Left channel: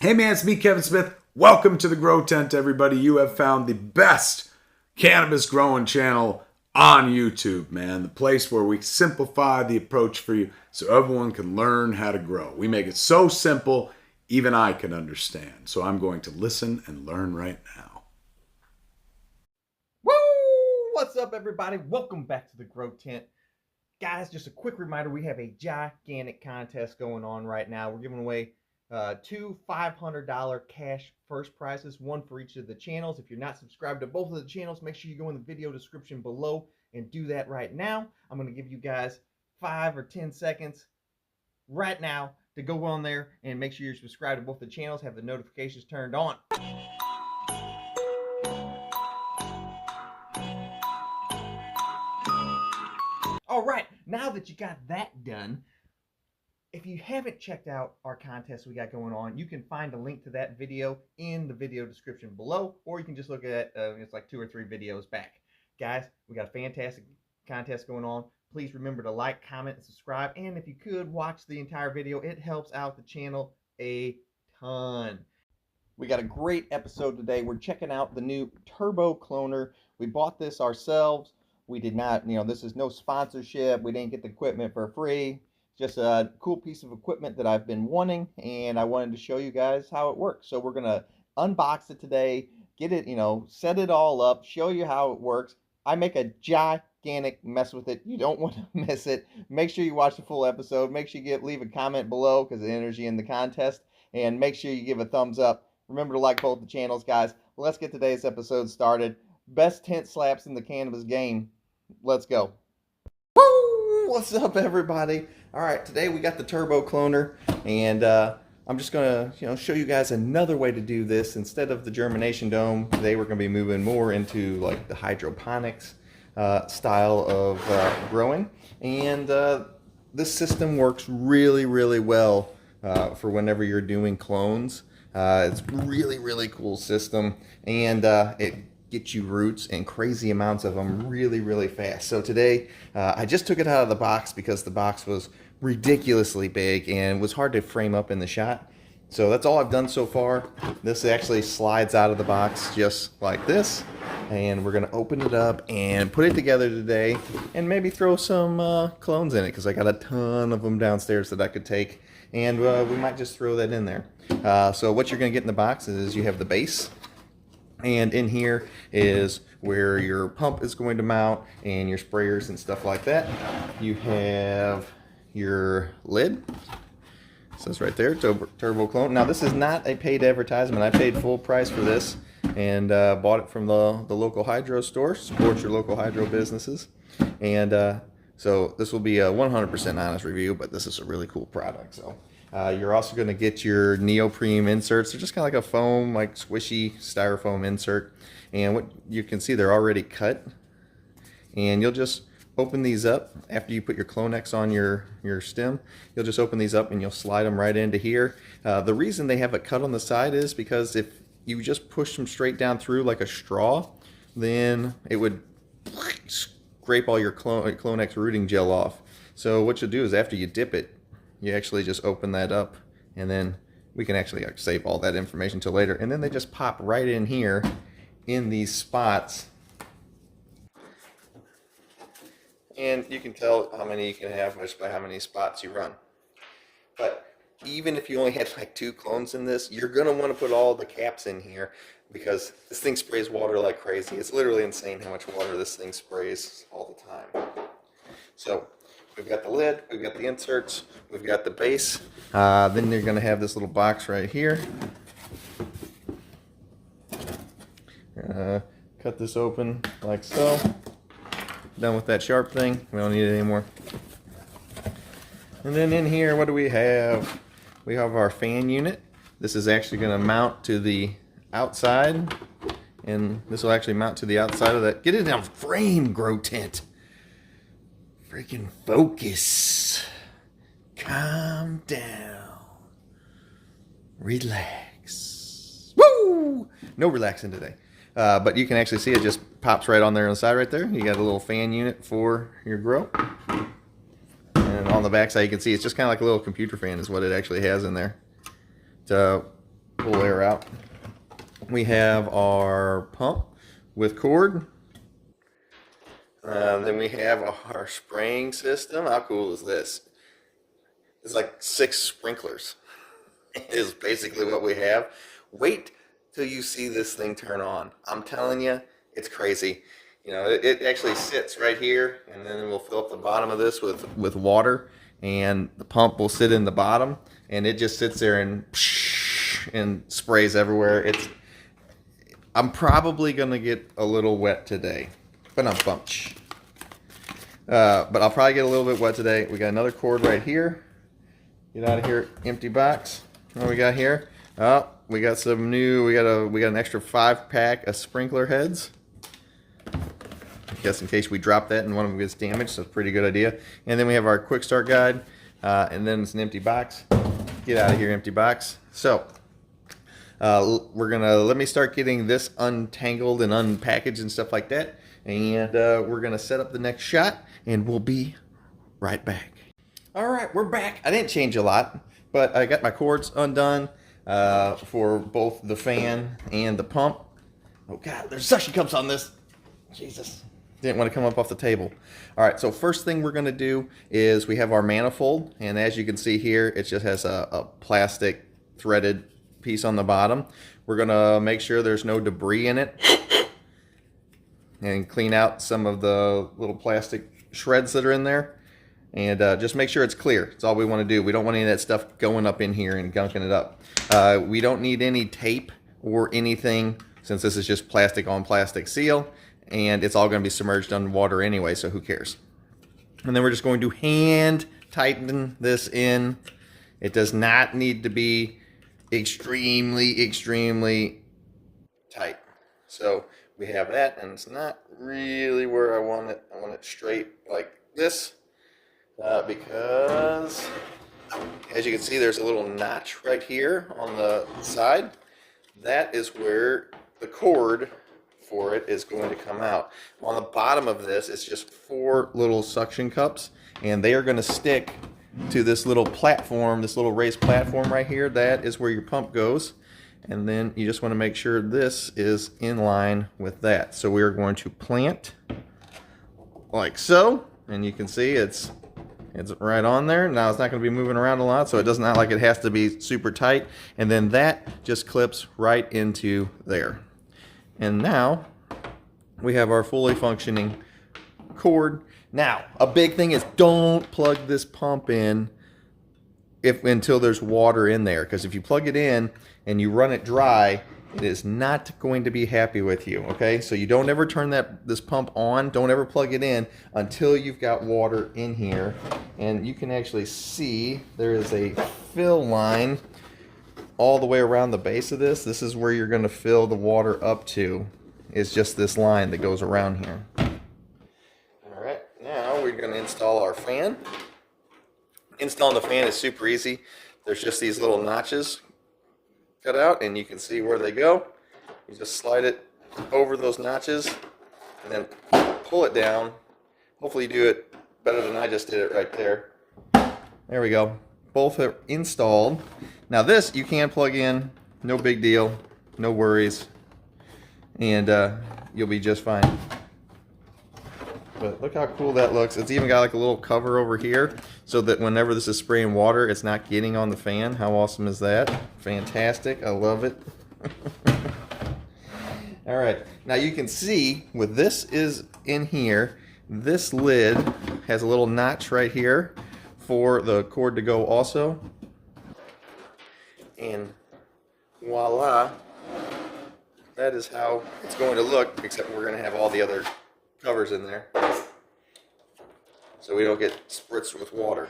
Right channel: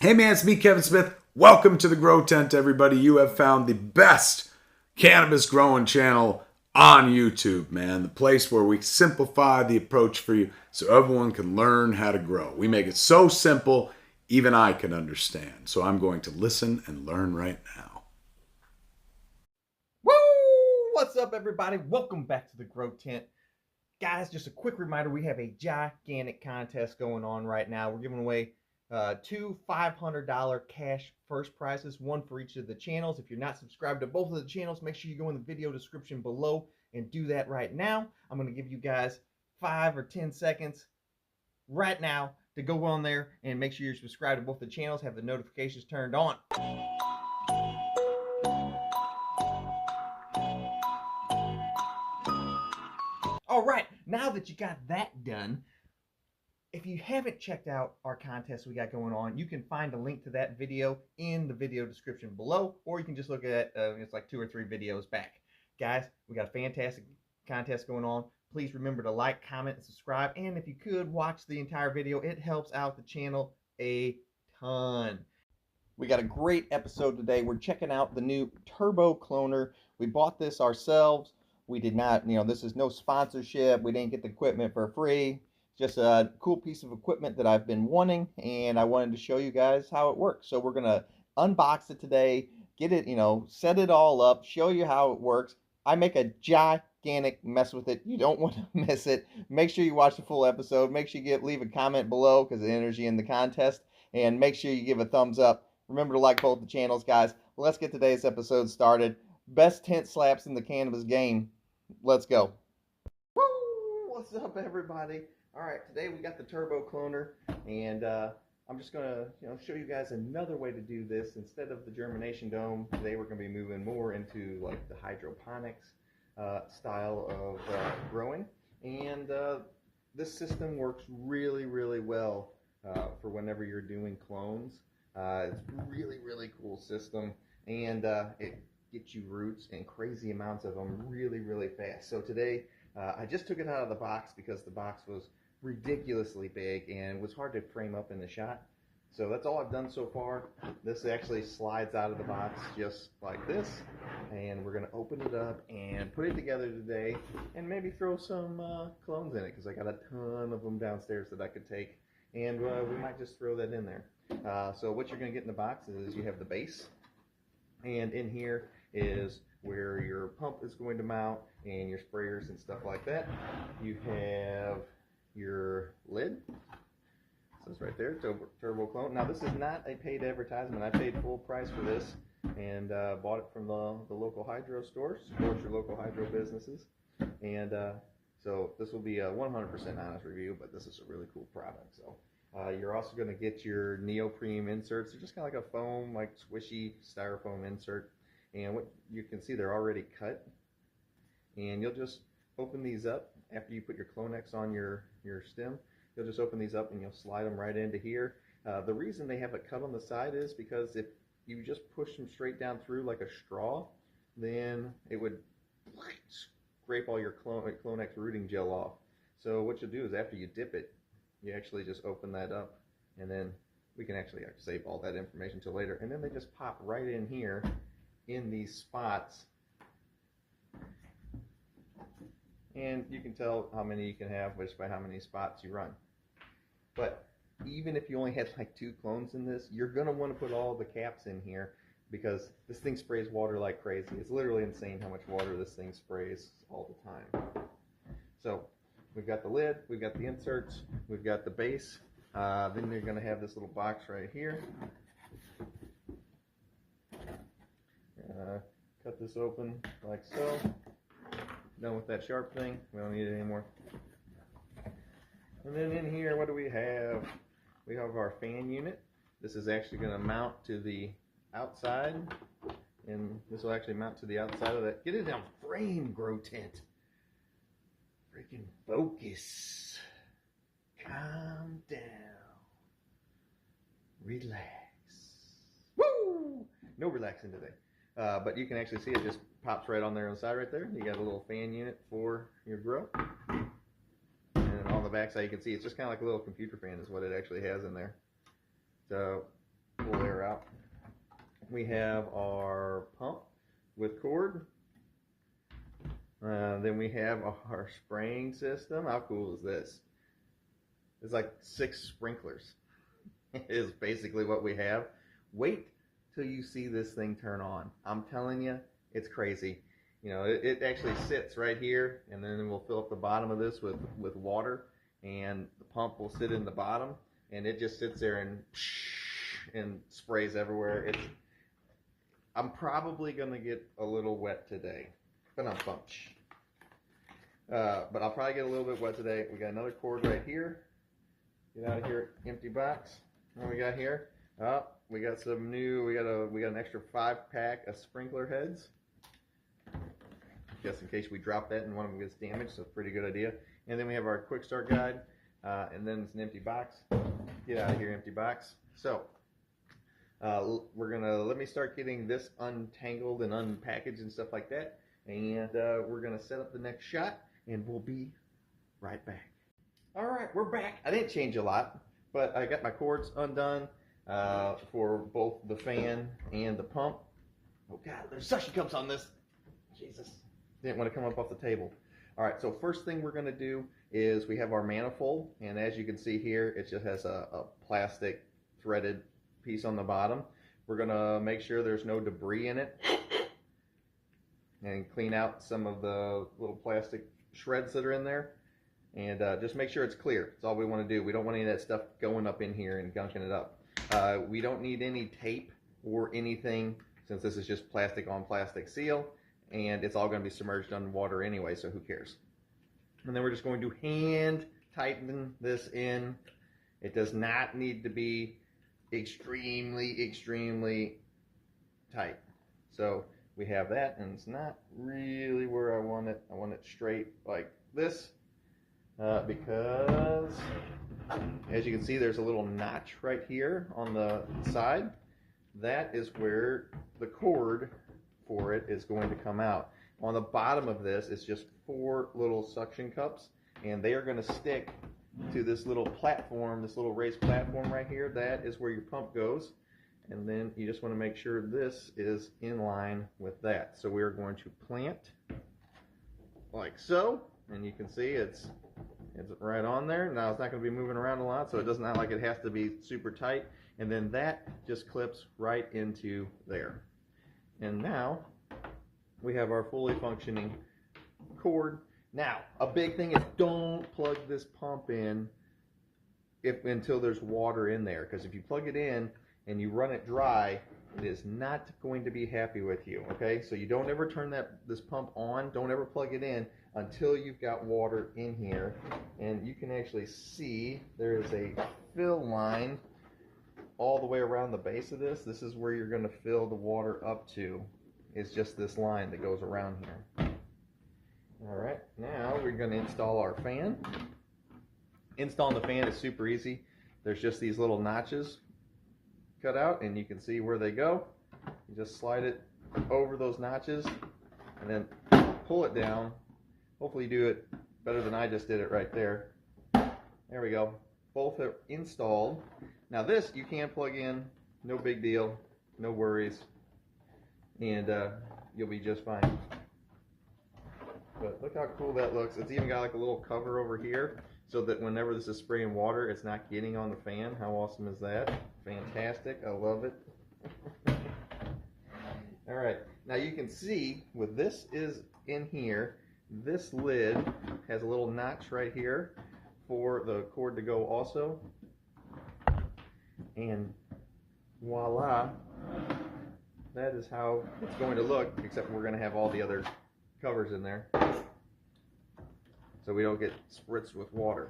Hey man, it's me, Kevin Smith. Welcome to the Growtent, everybody. You have found the best cannabis growing channel on YouTube, man. The place where we simplify the approach for you so everyone can learn how to grow. We make it so simple, even I can understand. So I'm going to listen and learn right now. Woo! What's up, everybody? Welcome back to the Grow Tent. Guys, just a quick reminder, we have a gigantic contest going on right now. We're giving away two $500 cash first prizes, one for each of the channels. If you're not subscribed to both of the channels, make sure you go in the video description below and do that right now. I'm going to give you guys 5 or 10 seconds right now to go on there and make sure you're subscribed to both the channels, have the notifications turned on. All right, now that you got that done, if you haven't checked out our contest we got going on, you can find a link to that video in the video description below, or you can just look at it's like 2 or 3 videos back. Guys, we got a fantastic contest going on. Please remember to like, comment, and subscribe. And if you could watch the entire video, it helps out the channel a ton. We got a great episode today. We're checking out the new Turbo Cloner. We bought this ourselves. We did not, this is no sponsorship. We didn't get the equipment for free. Just a cool piece of equipment that I've been wanting, and I wanted to show you guys how it works. So we're going to unbox it today, get it, set it all up, show you how it works. I make a gigantic mess with it. You don't want to miss it. Make sure you watch the full episode. Make sure you leave a comment below because it enters you in the contest. And make sure you give a thumbs up. Remember to like both the channels, guys. Let's get today's episode started. Best tent slaps in the cannabis game. Let's go. Woo! What's up, everybody? All right, today we got the Turbo Cloner, and I'm just gonna, show you guys another way to do this. Instead of the germination dome, today we're gonna be moving more into like the hydroponics style of growing, and this system works really, really well for whenever you're doing clones. It's really, really cool system, and it gets you roots and crazy amounts of them really, really fast. So today, I just took it out of the box because the box was ridiculously big and was hard to frame up in the shot. So that's all I've done so far. This actually slides out of the box just like this, and we're gonna open it up and put it together today and maybe throw some clones in it because I got a ton of them downstairs that I could take, and we might just throw that in there. So what you're gonna get in the box is you have the base, and in here is where your pump is going to mount and your sprayers and stuff like that. You have your lid. It says right there, Turbo Clone. Now this is not a paid advertisement. I paid full price for this and bought it from the local hydro store. Support your local hydro businesses. And so this will be a 100% honest review, but this is a really cool product. So you're also going to get your neoprene inserts. They're just kind of like a foam, like squishy styrofoam insert. And what you can see, they're already cut. And you'll just open these up after you put your Clonex on your stem. You'll just open these up and you'll slide them right into here. The reason they have a cut on the side is because if you just push them straight down through like a straw, then it would scrape all your Clonex rooting gel off. So what you'll do is after you dip it, you actually just open that up, and then we can actually save all that information till later. And then they just pop right in here in these spots. And you can tell how many you can have just by how many spots you run. But even if you only had like 2 clones in this, you're going to want to put all the caps in here because this thing sprays water like crazy. It's literally insane how much water this thing sprays all the time. So we've got the lid, we've got the inserts, we've got the base. Then you're going to have this little box right here. Cut this open like so. Done with that sharp thing. We don't need it anymore. And then in here, what do we have? We have our fan unit. This is actually going to mount to the outside, and this will actually mount to the outside of that. Get it down frame, Growtent. Freaking focus. Calm down. Relax. Woo! No relaxing today. But you can actually see it just pops right on there on the side right there. You got a little fan unit for your grow. And on the back side you can see it's just kind of like a little computer fan is what it actually has in there. To pull air out. We have our pump with cord. Then we have our spraying system. How cool is this? It's like 6 sprinklers. Is basically what we have. Wait till you see this thing turn on. I'm telling you, it's crazy. You know, it actually sits right here, and then we'll fill up the bottom of this with water, and the pump will sit in the bottom, and it just sits there and sprays everywhere. I'm probably gonna get a little wet today, but I'm pumped. But I'll probably get a little bit wet today. We got another cord right here. Get out of here, empty box. What we got here? Oh, we got some new. We got an extra 5-pack of sprinkler heads. Just in case we drop that and one of them gets damaged, so it's a pretty good idea. And then we have our quick start guide, and then it's an empty box. Get out of here, empty box. So let me start getting this untangled and unpackaged and stuff like that, and we're gonna set up the next shot, and we'll be right back. All right, we're back. I didn't change a lot, but I got my cords undone for both the fan and the pump. Oh God, there's suction cups on this. Jesus. Didn't want to come up off the table. All right, so first thing we're going to do is we have our manifold, and as you can see here, it just has a plastic threaded piece on the bottom. We're going to make sure there's no debris in it and clean out some of the little plastic shreds that are in there, and just make sure it's clear. That's all we want to do. We don't want any of that stuff going up in here and gunking it up. We don't need any tape or anything, since this is just plastic on plastic seal, and it's all going to be submerged underwater anyway, so who cares? And then we're just going to hand tighten this in. It does not need to be extremely tight. So we have that, and it's not really where I want it. I want it straight like this, because as you can see, there's a little notch right here on the side. That is where the cord for it is going to come out. On the bottom of this, it's just 4 little suction cups, and they are going to stick to this little platform, this little raised platform right here. That is where your pump goes, and then you just want to make sure this is in line with that. So we are going to plant like so, and you can see it's right on there. Now it's not going to be moving around a lot, so it does not like it has to be super tight, and then that just clips right into there. And now we have our fully functioning cord. Now, a big thing is don't plug this pump in until there's water in there, because if you plug it in and you run it dry, it is not going to be happy with you, okay? So you don't ever turn this pump on, don't ever plug it in until you've got water in here. And you can actually see there is a fill line all the way around the base of this. This is where you're going to fill the water up to. It's just this line that goes around here. All right, now we're going to install our fan. Installing the fan is super easy. There's just these little notches cut out, and you can see where they go. You just slide it over those notches and then pull it down. Hopefully you do it better than I just did it right there. There we go. Both are installed. Now this you can plug in, no big deal, no worries, and you'll be just fine. But look how cool that looks. It's even got like a little cover over here so that whenever this is spraying water, it's not getting on the fan. How awesome is that? Fantastic. I love it. All right. Now you can see with this is in here, this lid has a little notch right here for the cord to go also. And voila, that is how it's going to look, except we're going to have all the other covers in there so we don't get spritzed with water.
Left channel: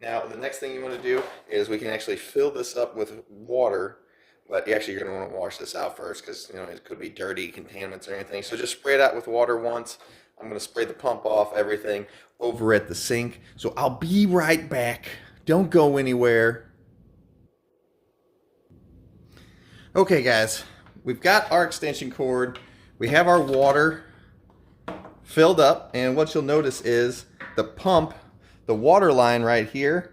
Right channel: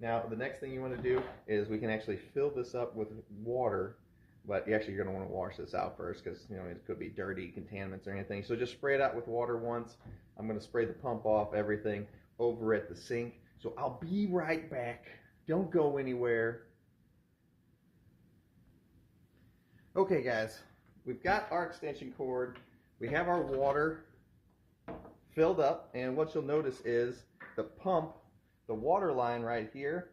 Now the next thing you want to do is we can actually fill this up with water, but actually you're going to want to wash this out first, because it could be dirty, contaminants or anything. So just spray it out with water once. I'm going to spray the pump off, everything over at the sink. So I'll be right back. Don't go anywhere. Okay guys, we've got our extension cord. We have our water filled up, and what you'll notice is the pump, the water line right here,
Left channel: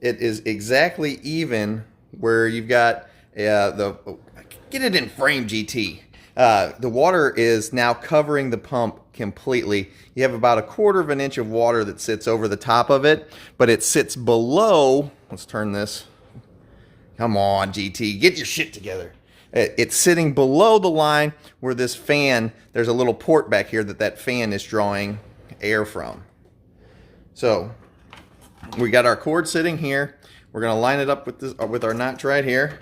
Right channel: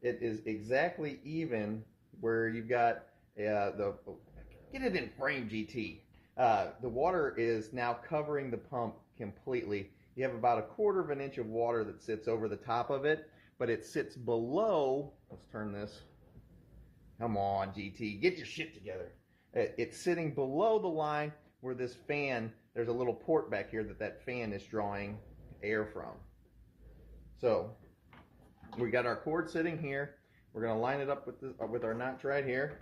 it is exactly even where you've got Get it in frame, GT. The water is now covering the pump completely. You have about 1/4 of an inch of water that sits over the top of it, but it sits below. Let's turn this. Come on, GT, get your shit together. It's sitting below the line where this fan, there's a little port back here that fan is drawing air from. So we got our cord sitting here. We're gonna line it up with our notch right here.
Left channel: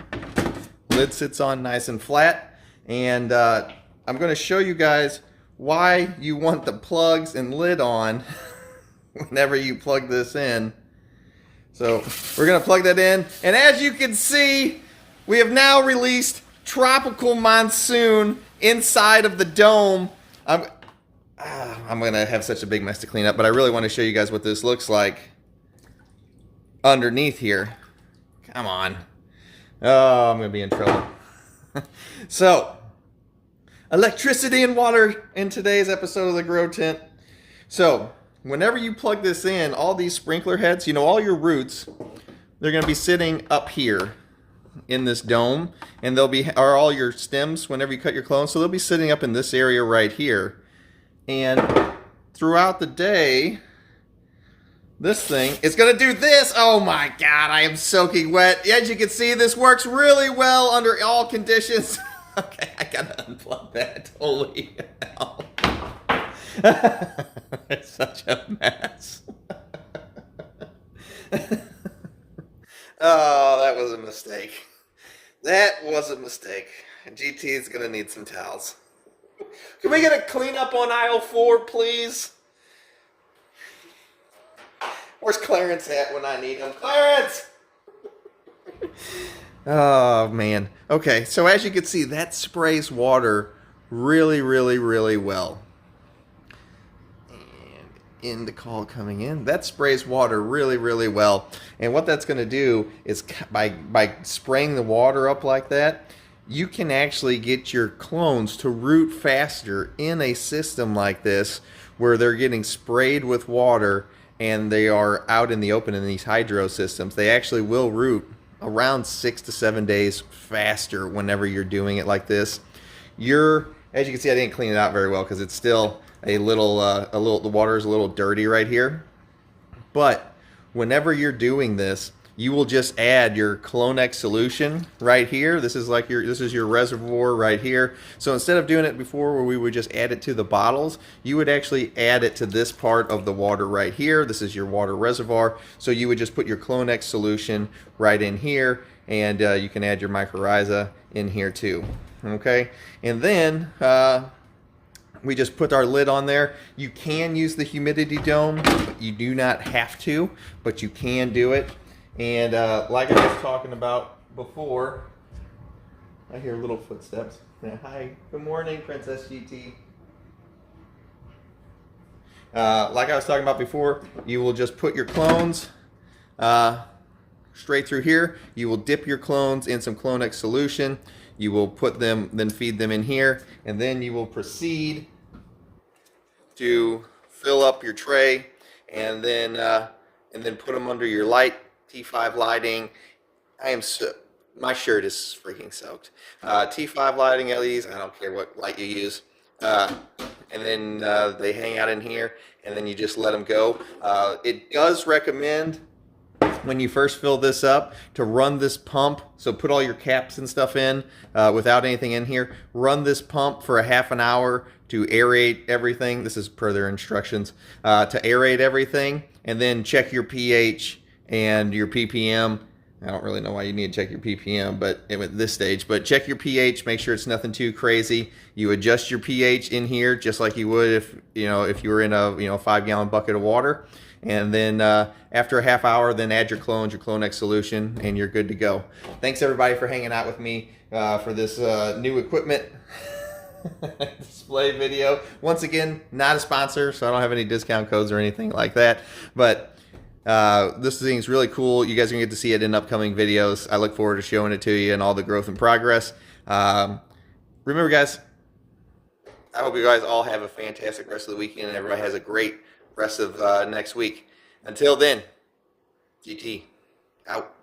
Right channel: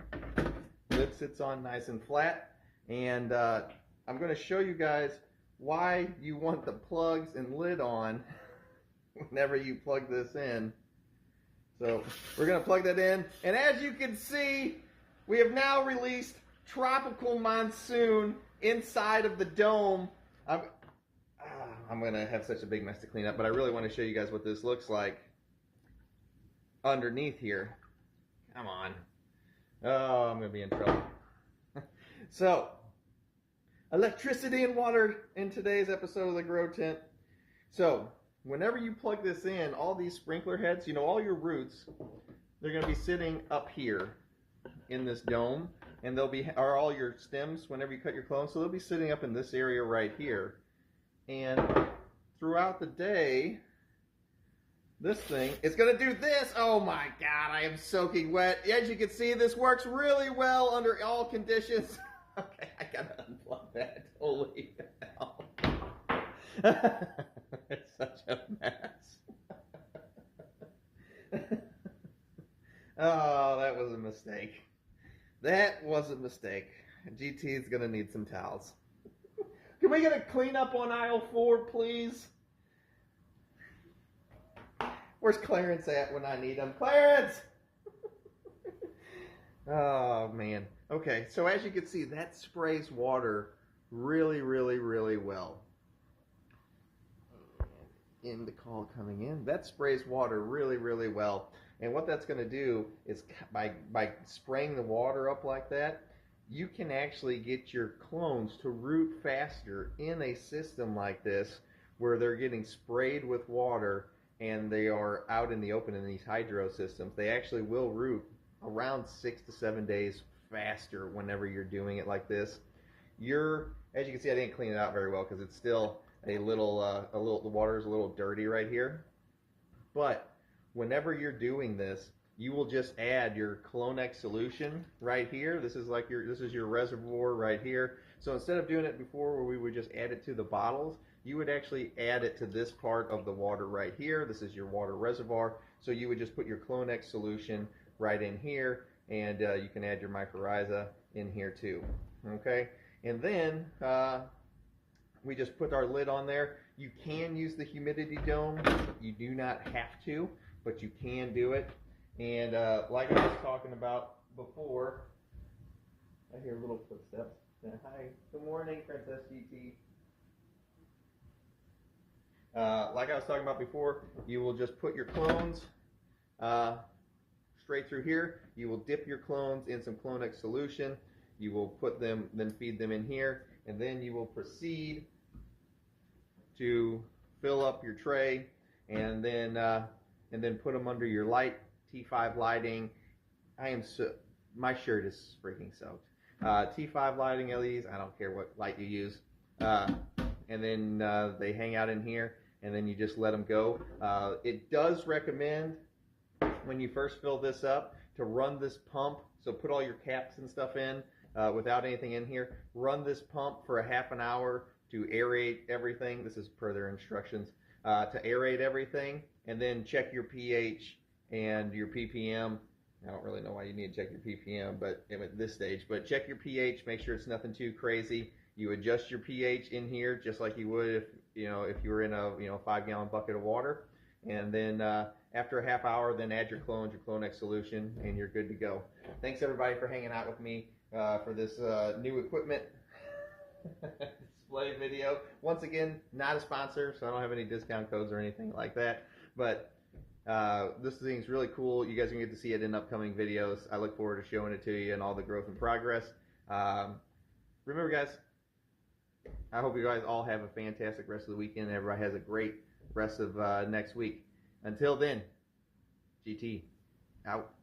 Lid sits on nice and flat. And I'm gonna show you guys why you want the plugs and lid on whenever you plug this in. So we're gonna plug that in. And as you can see, we have now released Tropical Monsoon inside of the dome. I'm gonna have such a big mess to clean up, but I really want to show you guys what this looks like underneath here. Come on. Oh, I'm gonna be in trouble. So, electricity and water in today's episode of the Growtent. So, whenever you plug this in, all these sprinkler heads, you know, all your roots, they're gonna be sitting up here in this dome, and are all your stems whenever you cut your clones, so they'll be sitting up in this area right here. And throughout the day, this thing is gonna do this. Oh my God, I am soaking wet. As you can see, this works really well under all conditions. Okay, I gotta unplug that. Holy hell. It's such a mess. Oh, that was a mistake. That was a mistake. GT is gonna need some towels. Can we get a cleanup on aisle 4, please? Where's Clarence at when I need him? Clarence! Oh, man. Okay, so as you can see, that sprays water really, really, really well. And in the call coming in, that sprays water really, really well. And what that's going to do is by spraying the water up like that, you can actually get your clones to root faster in a system like this where they're getting sprayed with water and they are out in the open in these hydro systems. They actually will root around 6 to 7 days faster whenever you're doing it like this. As you can see, I didn't clean it out very well because it's still the water is a little dirty right here. But whenever you're doing this, you will just add your Kloner solution right here. This is your reservoir right here. So instead of doing it before where we would just add it to the bottles, you would actually add it to this part of the water right here. This is your water reservoir. So you would just put your Kloner solution right in here, and you can add your mycorrhiza in here too. Okay, and then we just put our lid on there. You can use the humidity dome. You do not have to, but you can do it. And like I was talking about before, I hear little footsteps. Hi, good morning, Princess GT. Like I was talking about before, you will just put your clones straight through here. You will dip your clones in some Kloner solution. You will put them, then feed them in here, and then you will proceed to fill up your tray, and then put them under your light. T5 lighting. My shirt is freaking soaked. T5 lighting LEDs. I don't care what light you use. And then they hang out in here, and then you just let them go. It does recommend when you first fill this up to run this pump. So put all your caps and stuff in without anything in here. Run this pump for a half an hour to aerate everything. This is per their instructions. To aerate everything, and then check your pH and your ppm. I don't really know why you need to check your ppm, but at this stage, but check your pH, make sure it's nothing too crazy. You adjust your pH in here just like you would if you were in a 5-gallon bucket of water. And then after a half hour, then add your clones, your Kloner solution, and you're good to go. Thanks everybody for hanging out with me for this new equipment display video. Once again, not a sponsor, so I don't have any discount codes or anything like that, but this thing is really cool. You guys are going to get to see it in upcoming videos. I look forward to showing it to you and all the growth and progress. Remember, guys, I hope you guys all have a fantastic rest of the weekend and everybody has a great rest of next week. Until then, GT, out.